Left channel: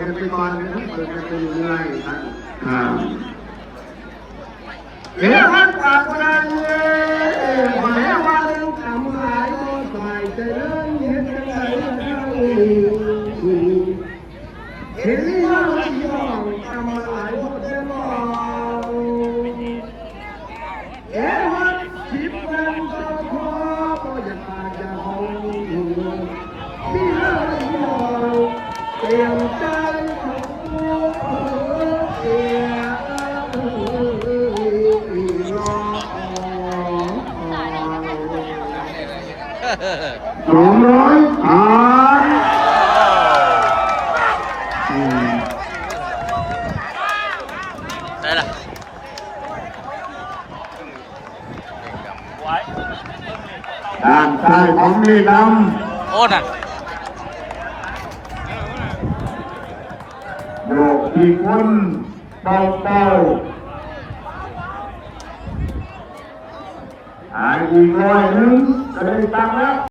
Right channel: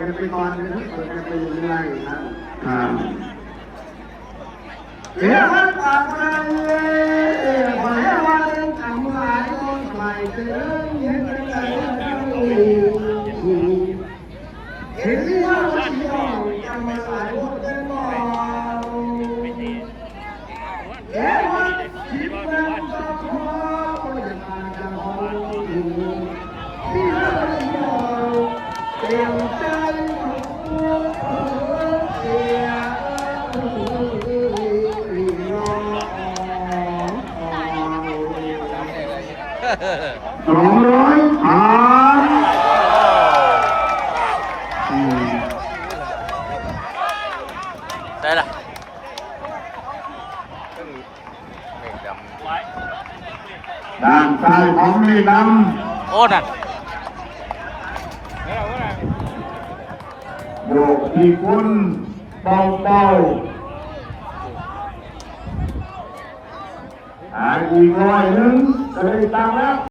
กันไปก่อนเปิดกันไปเรื่อยๆครับเดี๋ยวมันกลับมาเลยขอให้วันทำหายต้องใส่เจริญเห็นกันไหนเห็นว่าที่ยอมทำหลายคนจะรอเอ๋วันชิบวันจะพอก็จะพาจะหองที่เราเตรียมใจ200 ผ่านได้ละด้านซ้ายของนี่นำโอ้นั่นโยกที่คนเบาๆอีก100จะได้ตังค์แล้ว